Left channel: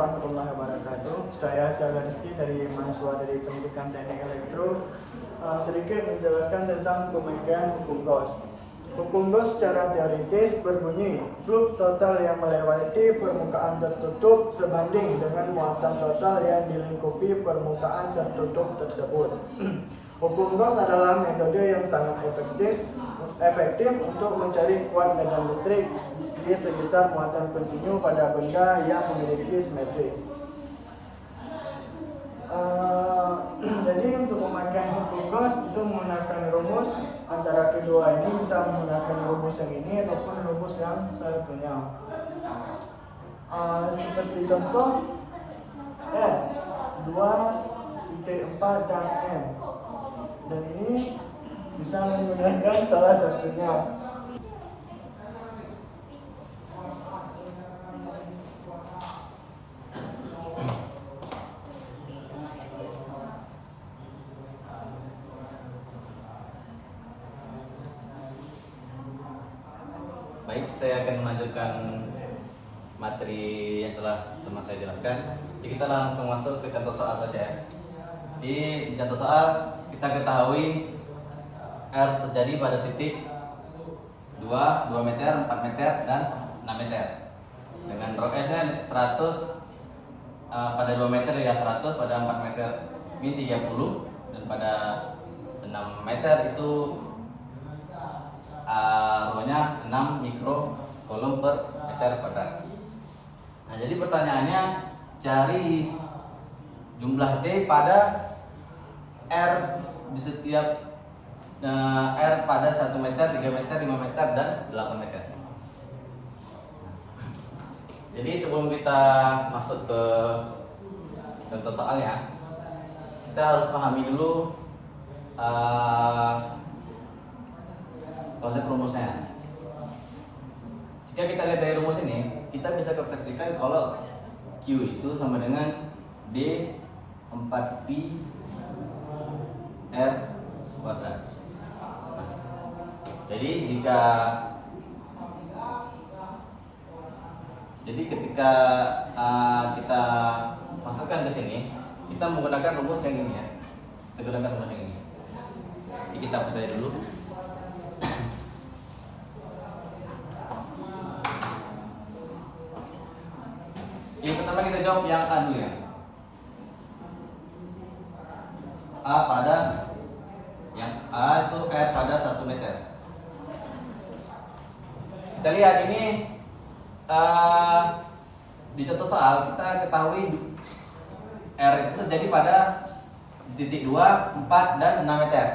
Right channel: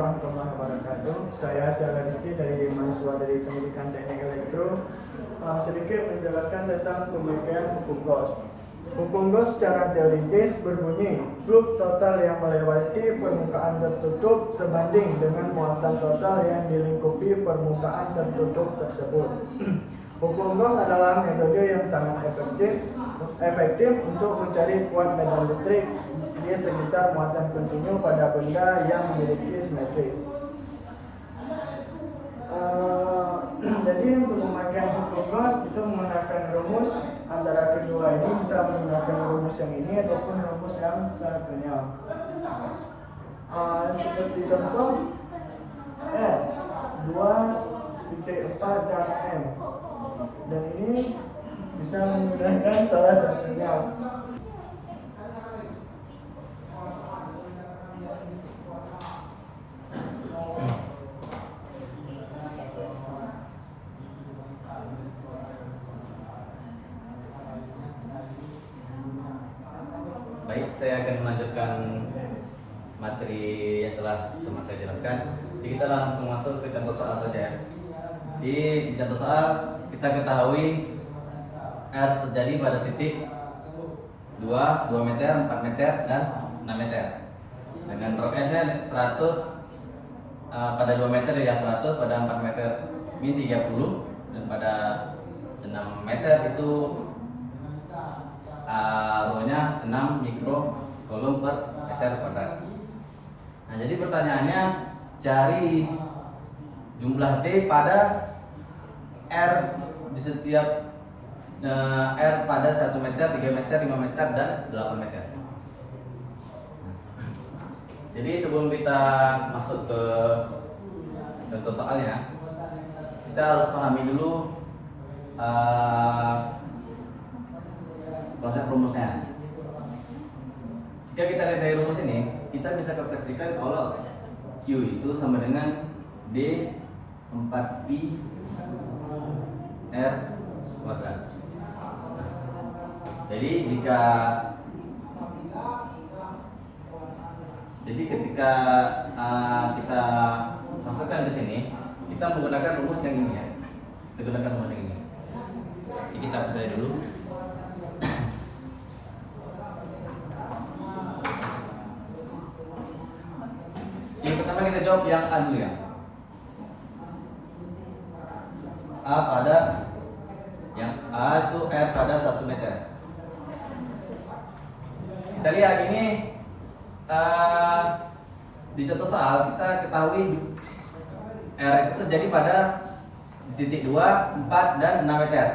warahmatullahi wabarakatuh. Saya Tiaga Rizky dari mahasiswa dari Pendidikan Teknik Elektro. Sedikit menjelaskan tentang pemakaian hukum Gauss. Hukum Gauss secara teoritis berbunyi, flux total yang melewati permukaan tertutup sebanding dengan muatan total yang dilingkupi permukaan tertutup tersebut. Hukum Gauss adalah metode yang sangat efektif untuk mencari kuat medan listrik di sekitar muatan kontinu pada benda yang memiliki simetris. Jadi untuk memakai hukum Gauss itu menggunakan rumus antara kedua ini, bisa menggunakan rumus yang ini ataupun rumus yang satunya. Seperti contoh N 2.4 dan M, dan ini bisa menggunakan salah satunya. Baik, saya akan melanjutkan materi yang telah teman saya jelaskan. Jadi kita langsung masuk ke contoh soal saja. Di contoh soal kita ketahui R terjadi pada titik 2 meter, 4 meter, dan 6 meter. Dengan rho S-nya 100 pada 2 meter ya 100, pada 4 meter ini 30, dan pada 6 meter itu rho-nya 6 mikrocoulomb per meter kuadrat. Nah, jadi pertanyaannya cari jumlah T pada R di setiap R pada 1 meter, 3 meter, 5 meter, dan 8 meter. Jadi sebelum kita masuk ke contoh soalnya, kita harus pahami dulu konsep rumusnya. Jika kita lihat dari rumus ini, kita bisa konversikan kalau Q itu sama dengan D 4pi R kuadrat. Jadi ketika kita masukkan ke sini, kita menggunakan rumus yang ini ya. Kita gunakan rumus yang ini. Jadi kita hapus saja dulu. Yang pertama kita jawab yang A dulu ya. A pada yang A itu R pada 1 meter. Kita lihat ini di contoh soal kita ketahui R itu terjadi pada titik 2, 4, dan 6 meter.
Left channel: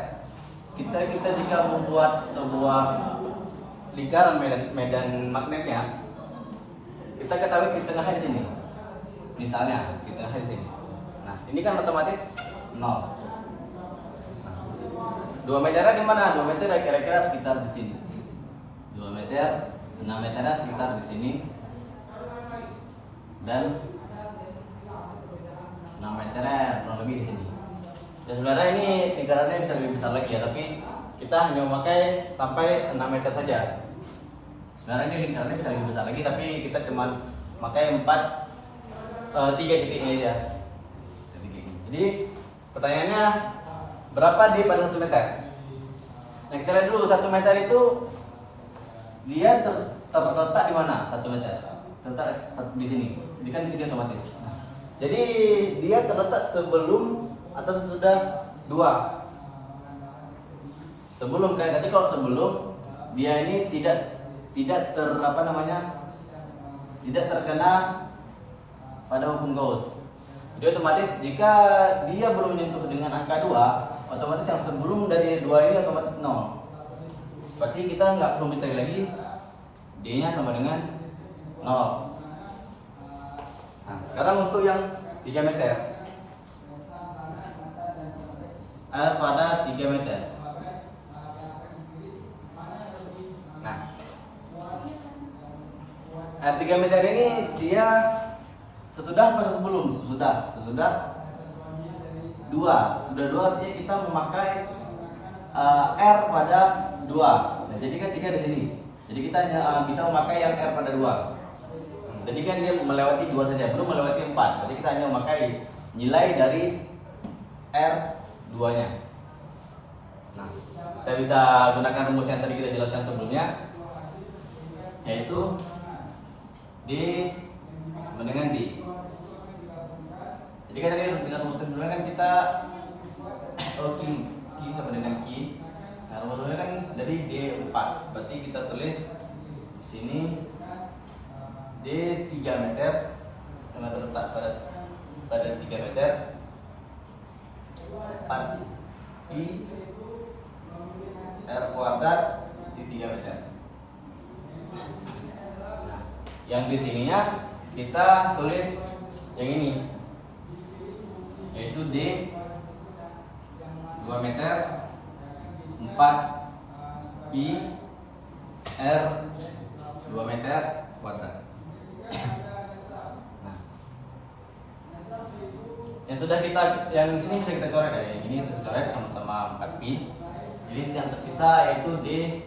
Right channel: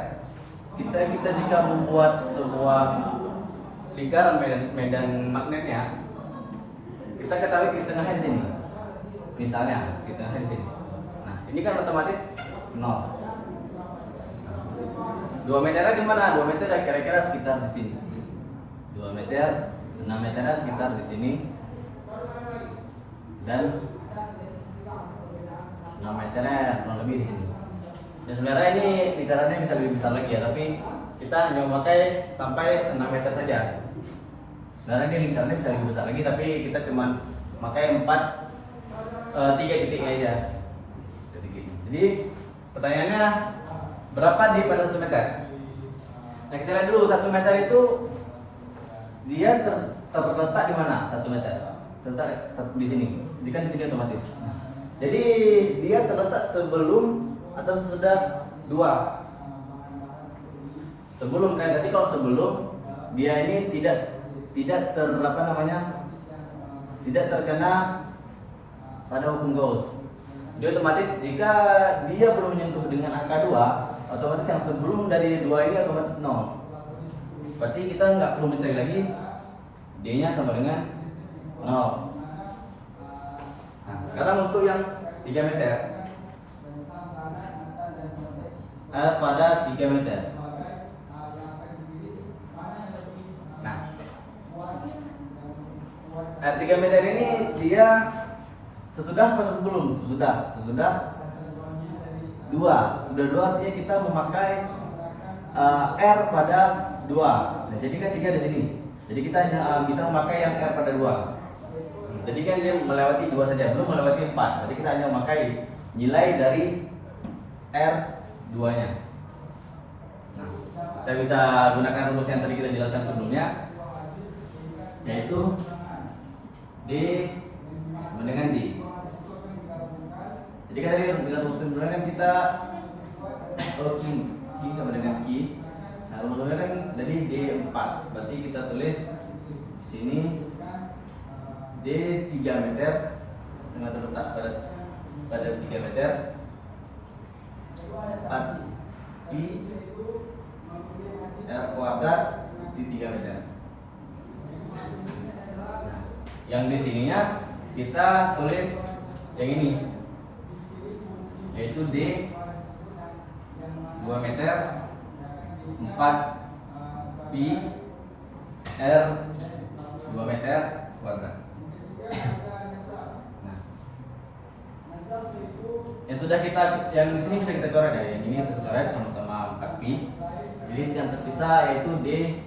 Kita jika membuat sebuah lingkaran medan magnetnya, kita ketahui di tengahnya di sini. Misalnya di tengahnya di sini. Nah, ini kan otomatis 0. 2 meternya di mana? 2 meter kira-kira sekitar di sini. 2 meter, 6 meternya sekitar di sini. Dan 6 meternya kurang lebih di sini. Ya sebenarnya ini lingkarannya bisa lebih besar lagi ya, tapi kita hanya memakai sampai 6 meter saja. Sebenarnya ini lingkarannya bisa lebih besar lagi, tapi kita cuma pakai 3 titiknya aja. Jadi pertanyaannya, berapa D pada 1 meter? Nah, kita lihat dulu 1 meter itu dia terletak di mana? 1 meter terletak di sini. Di kan di sini otomatis. Nah, jadi dia terletak sebelum atau sesudah 2. Sebelum kan, tadi kalau sebelum dia ini tidak tidak terkena pada hukum Gauss. Jadi otomatis jika dia belum menyentuh dengan angka 2, otomatis yang sebelum dari 2 ini otomatis 0. Berarti kita nggak perlu mencari lagi, D-nya sama dengan 0. Nah, sekarang untuk yang 3 meter. R pada 3 meter. Nah, R 3 meter ini dia sesudah apa sebelum? Sesudah 2. Sudah 2 artinya kita memakai R pada 2. Nah, jadi kan 3 di sini. Jadi kita hanya bisa memakai yang R pada 2. Jadi kan dia melewati 2 saja, belum melewati 4. Jadi kita hanya memakai nilai dari R2 nya. Nah, kita bisa gunakan rumus yang tadi kita jelaskan sebelumnya, yaitu D sama dengan D. Jadi kan tadi dengan rumus sebelumnya kan kita kalau Q sama dengan Q. Nah, rumusnya kan dari D4. Berarti kita tulis di sini D 3 meter yang terletak pada 3 meter 4 pi R kuadrat di 3 meter. Nah, yang di sininya kita tulis yang ini, yaitu D 2 meter 4 pi R 2 meter kuadrat. Nah, yang sudah kita, yang di sini bisa kita coret ya. Yang ini kita coret sama-sama 4 pi. Jadi yang tersisa yaitu D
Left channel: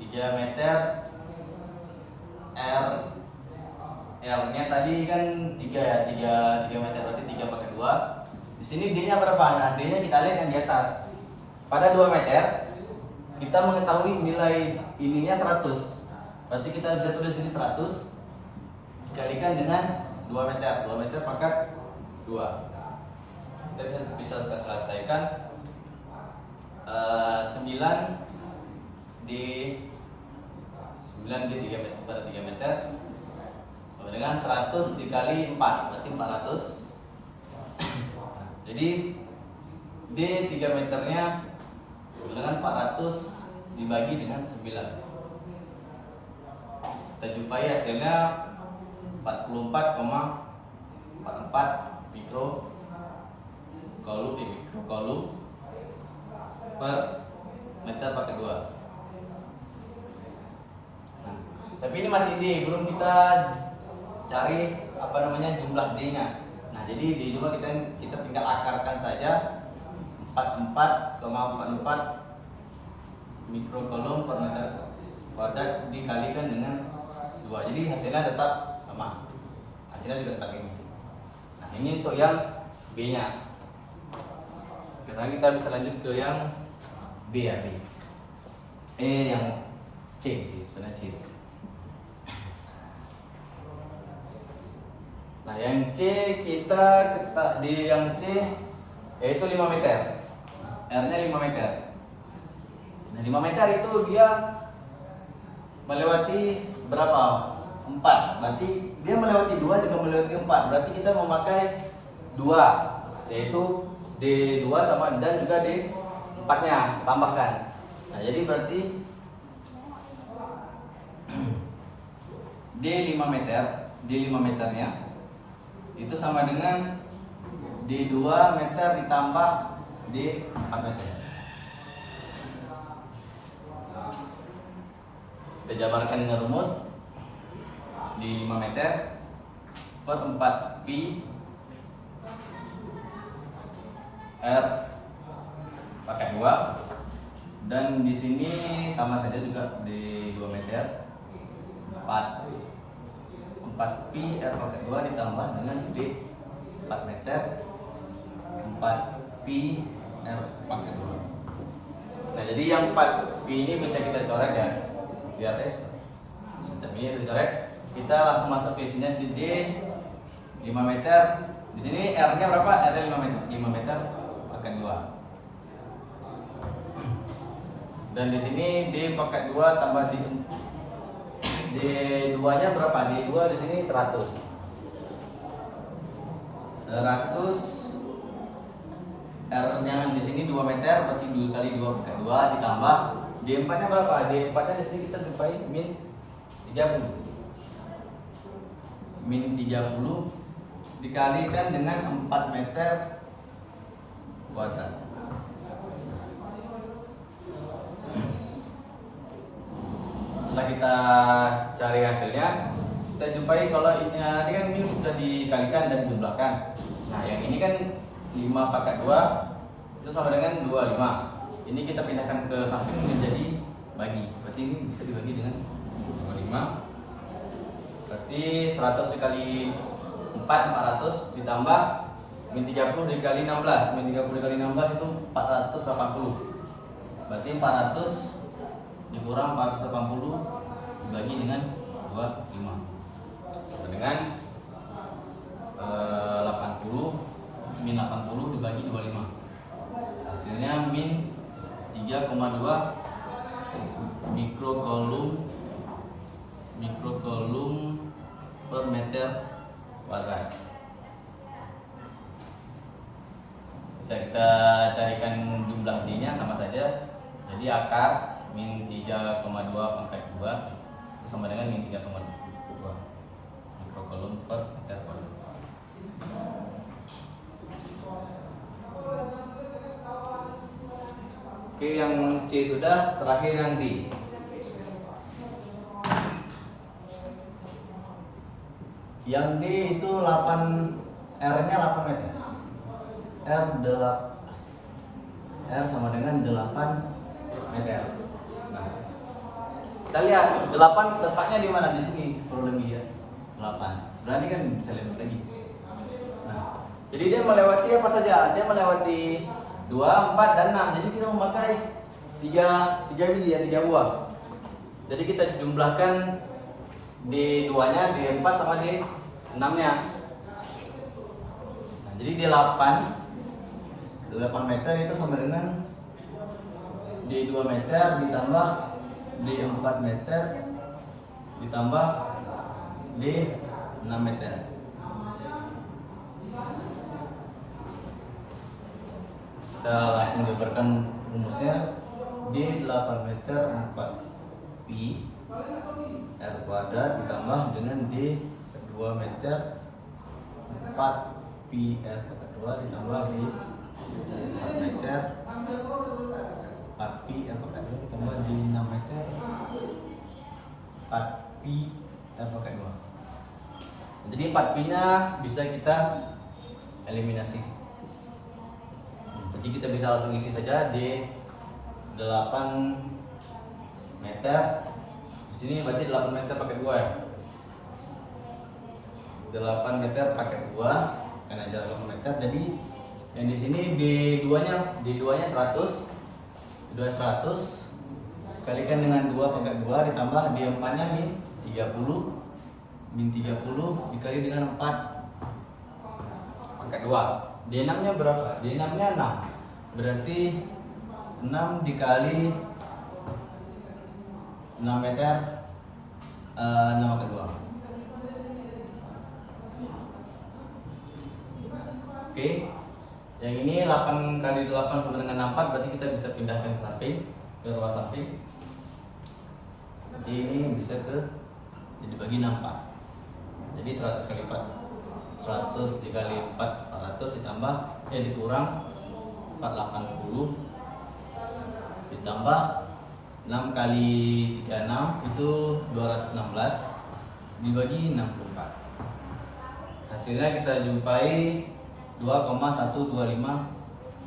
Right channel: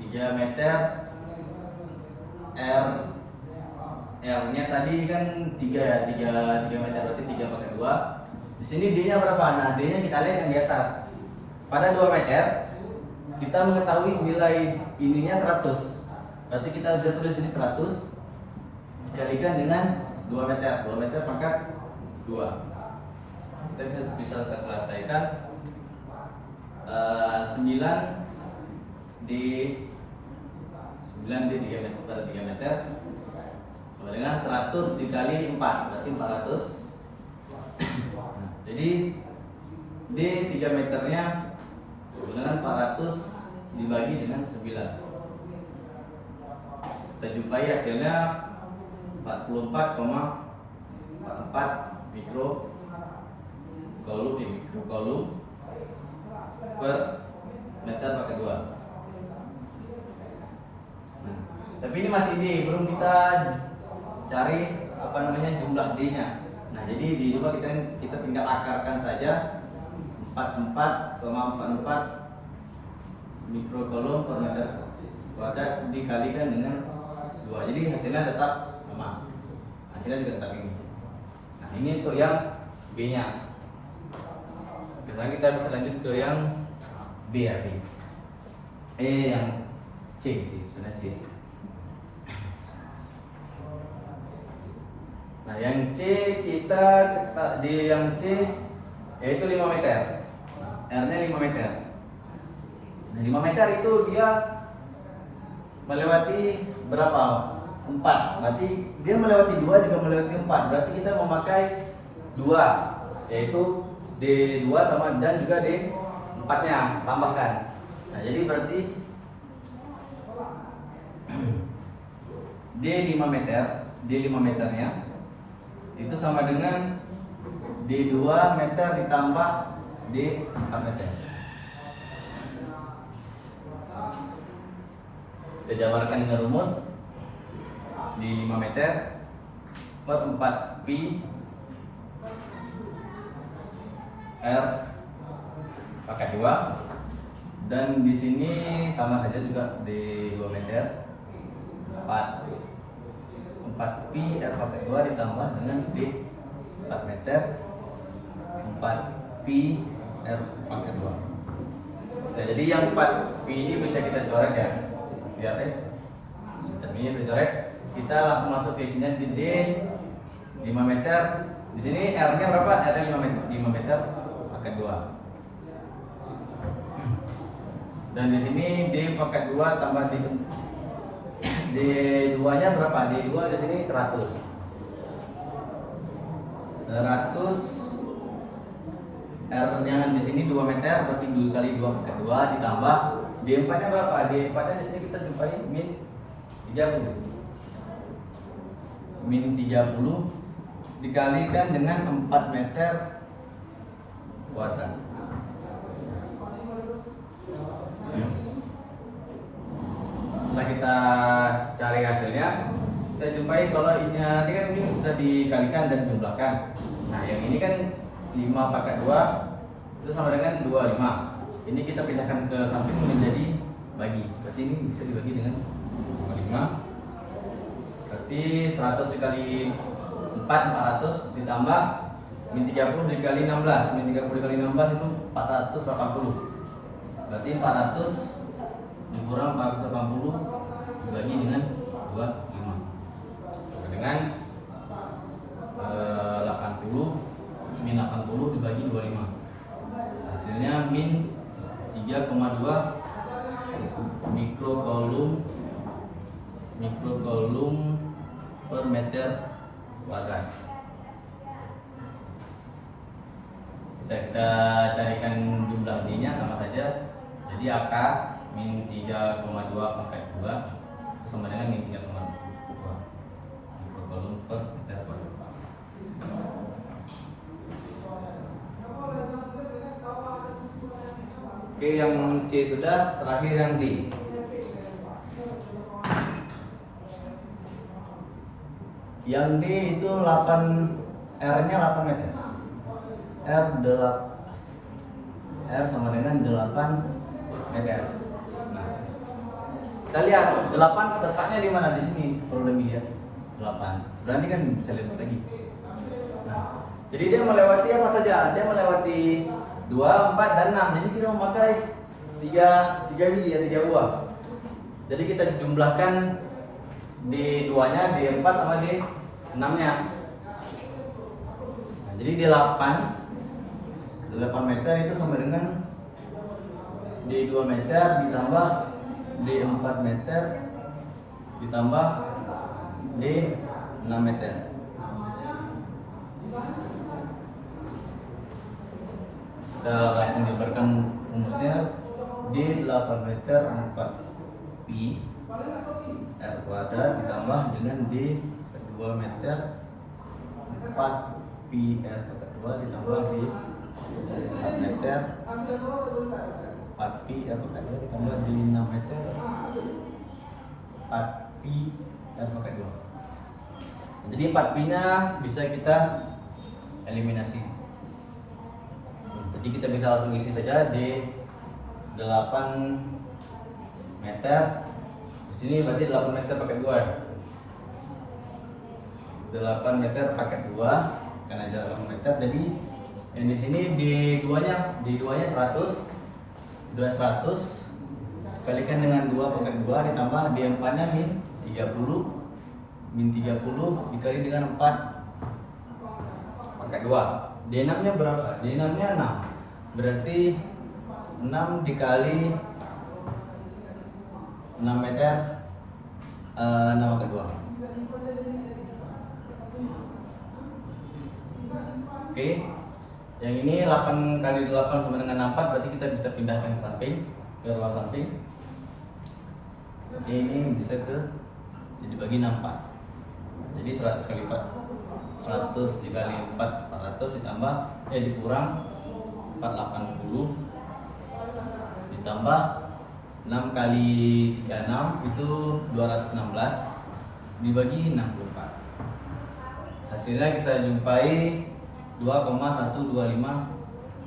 3 meter R nya tadi kan 3 ya, 3 meter berarti 3 pakai 2. Di sini D nya berapa? Nah, D nya dikalikan di atas. Pada 2 meter kita mengetahui nilai ininya 100. Berarti kita bisa tulis ini 100 dikalikan dengan 2 meter. 2 meter pangkat 2. Kita bisa kita selesaikan 9 di 3 meter pada 3 meter sama dengan 100 dikali 4 berarti 400. Nah, jadi D 3 meternya dengan 400 dibagi dengan 9. Kita jumpai hasilnya 44,44 mikrocoulomb per meter pakai 2. Nah, tapi ini masih D, belum kita cari jumlah D-nya. Nah, jadi di jumlah kita tinggal akarkan saja 44,44 mikrocoulomb per meter kuadrat dikalikan dengan 2. Jadi hasilnya tetap sama. Hasilnya juga tetap ini. Nah, ini untuk yang B-nya. Sekarang kita bisa lanjut ke yang B ya, B. Yang C sih, misalnya C. Nah, yang C kita di yang C yaitu 5 meter. R-nya 5 meter. Nah, 5 meter itu dia melewati berapa? 4. Berarti dia melewati 2 juga melewati 4. Berarti kita memakai 2, yaitu D2 sama dan juga D4-nya tambahkan. Nah, jadi berarti D5 meter, D5 meternya itu sama dengan D2 meter ditambah D4 meter. Kita jabarkan dengan rumus di 5 meter per 4 pi R pakai 2, dan di sini sama saja juga di 2 meter 4 pi R pakai 2 ditambah dengan D 4 meter 4 pi R pakai 2. Nah, jadi yang 4 pi ini bisa kita coret ya. Lihat guys, sistem ini kita coret. Kita langsung masuk ke sini di D 5 meter. Di sini R-nya berapa? R-nya 5 meter. 5 meter pakai 2. Dan di sini D pakai 2 tambah D2-nya berapa? D2 di sini 100. 100 R yang di sini 2 meter berarti 2 kali 2 pakai 2 ditambah D4-nya berapa? D4-nya di sini kita jumpai min 30. Min 30 dikalikan dengan 4 meter kuadrat. Setelah kita cari hasilnya, kita jumpai kalau ini nanti kan ini sudah dikalikan dan dijumlahkan. Nah, yang ini kan 5 pakai 2 itu sama dengan 25. Ini kita pindahkan ke samping menjadi bagi. Berarti ini bisa dibagi dengan 5 Berarti 100 dikali 4 400 ditambah min 30 dikali 16. Min 30 dikali 16 itu 480. Berarti 400 dikurang 480 dibagi dengan 25 sama dengan 80 min 80 dibagi 25. Hasilnya min 3,2 mikrocoulomb per meter kuadrat. Bisa kita carikan jumlah D-nya sama saja. Jadi akar min 3,2 pangkat 2 itu sama dengan min 3,2 mikrocoulomb per meter kuadrat. Oke, yang C sudah, terakhir yang D. Yang D itu 8 R-nya 8 meter. R sama dengan 8 meter. Nah, kita lihat 8 letaknya di mana, di sini kurang lebih ya. 8. Sebenarnya kan bisa lihat lagi. Nah, jadi dia melewati apa saja? Dia melewati 2, 4, dan 6. Jadi kita memakai 3 biji ya, 3 buah. Jadi kita jumlahkan di 2-nya, di 4 sama di 6-nya. Nah, jadi di 8 meter itu sama dengan di 2 meter ditambah di 4 meter ditambah di 6 meter. Kita langsung jabarkan rumusnya. Di 8 meter 4 pi r kuadrat ditambah dengan di 2 meter 4 pi r kuadrat 2 ditambah di 4 meter 4 pi r kuadrat 2 ditambah di 6 meter 4 pi r kuadrat 2. Jadi 4 pi nya bisa kita eliminasi. Jadi kita bisa langsung isi saja di 8 meter. Di sini berarti 8 meter pakai 2 ya. 8 meter pakai 2 karena jarak 8 meter. Jadi yang di sini di 2-nya 100. 2 100 kalikan dengan 2 pangkat 2 ditambah di 4-nya min 30. Min 30 dikali dengan 4 pangkat 2. D6-nya berapa? D6-nya 6. Berarti 6 dikali 6 meter 6 pangkat 2. Oke. Yang ini 8 kali 8 sama dengan 64, berarti kita bisa pindahkan ke samping, ke ruang samping. Jadi ini bisa jadi bagi 64. Jadi 100 kali 4. 100 dikali 4 400 ditambah dikurang 480 ditambah 6 kali 36 itu 216 dibagi 64. Hasilnya kita jumpai 2,125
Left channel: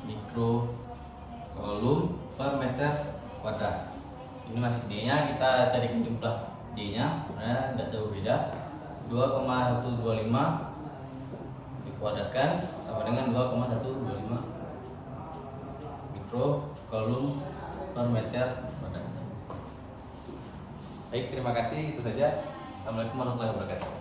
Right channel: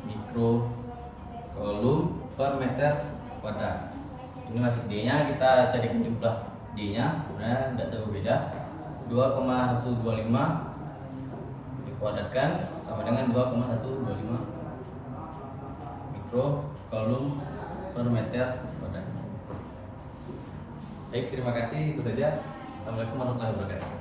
mikrocoulomb per meter kuadrat. Ini masih D-nya, kita carikan jumlah D-nya, sebenarnya tidak jauh beda. 2,125 dikuadratkan sama dengan 2,125 mikrocoulomb per meter kuadrat. Baik, terima kasih, itu saja. Assalamualaikum warahmatullahi wabarakatuh.